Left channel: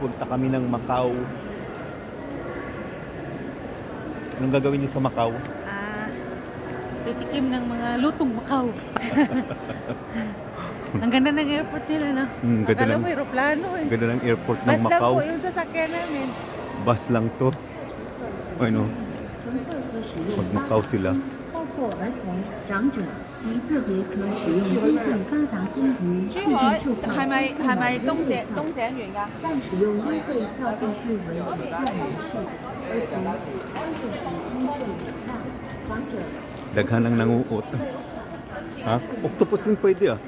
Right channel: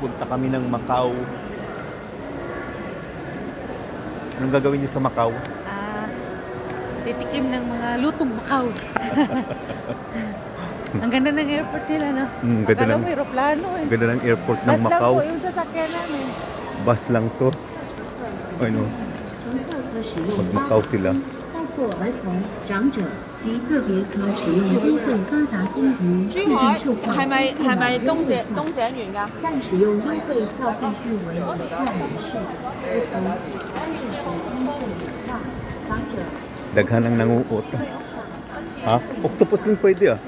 pupunta kami ng Macau. Anong gagawin niyo sa Macau? Titikim ng mga lutong Macau. Ang ganda ng airport nila, no? Akala mo aeroplano eh. Ganda ng airport ng Macau. Bus Macau. lang po yung sasakyan namin. Bus lang to. Ano? Pag Macau sila. 或儿童、长者及个别可使用公共高达公寓自助售票机係咪東井園㗎？但使用优惠票必须为以下人士：儿童3岁以下，长者。 Daghan ang nanguot. Ha? Octopus din pwede ah.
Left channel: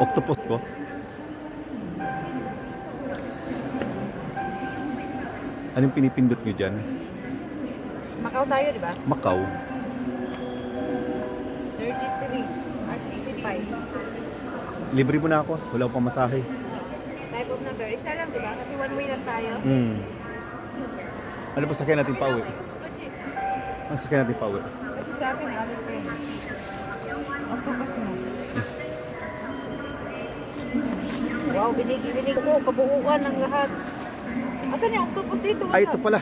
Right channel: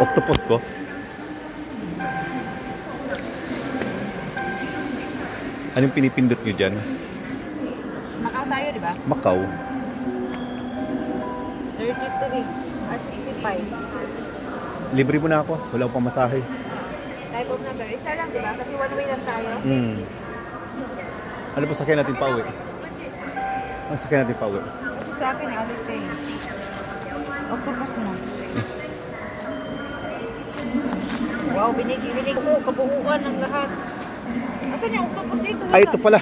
Octopus ko? Anong pinipindot nyo dyan? Macau tayo, di ba? Macau. 33 or 65. Libre mo na ako. Wala akong pamasahe. Type of number. Isa lang, di ba? Kasi one way lang tayo. Ano pa sakyan natin pauwi? Ano sakyan natin pauwi? Kasi sa akin, ano ito eh. Octopus mo. Wow, binig ko. Kabuuan ng lahat. Asan yung octopus dito? Ay, ito pala.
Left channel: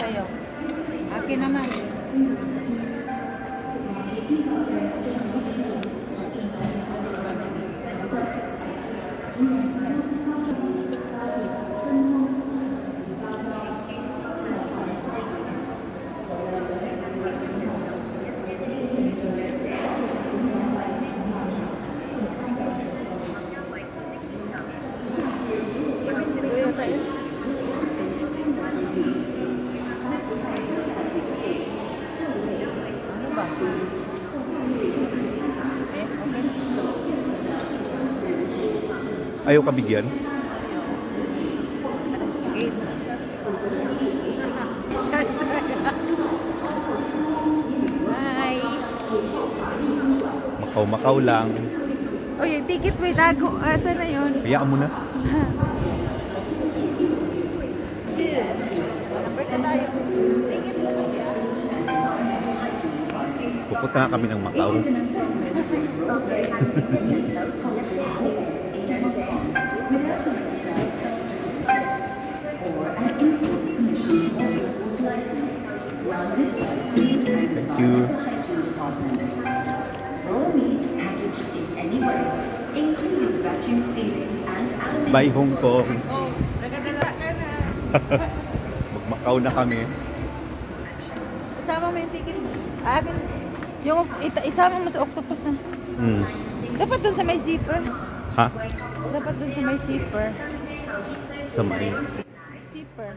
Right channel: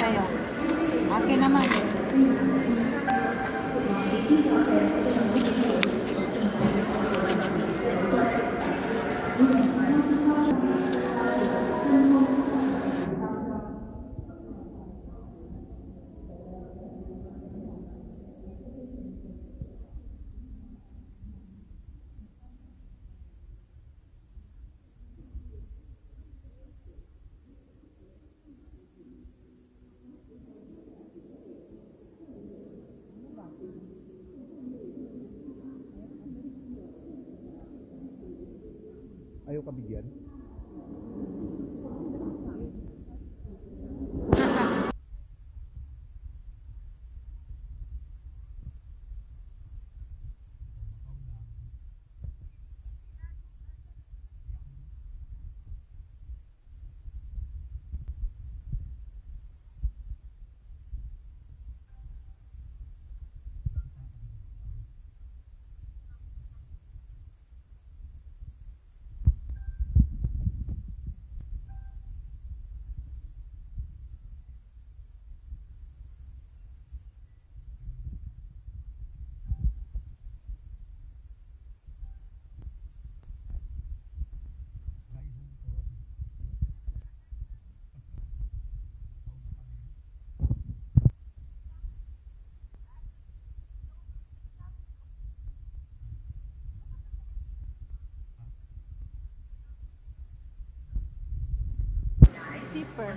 Sa'yo. Akin naman. Ayaw ka bigyan? Bye! Macau lang. Uy, yung ticket may tago. Asa na yun? Hayaan mo na. Number na tayo. Ticket mo na siya. Pupunta kami ng Macau. Thank you. Bye Hong Kong. Oh, nagadala ka na. Mag-Macau na kami. Isama mo yung ticket mo. Yung isama mo sa octopus na. Dapat dun sa may zipper. Ha? Dapat dun sa may zipper. Sa may. Zipper.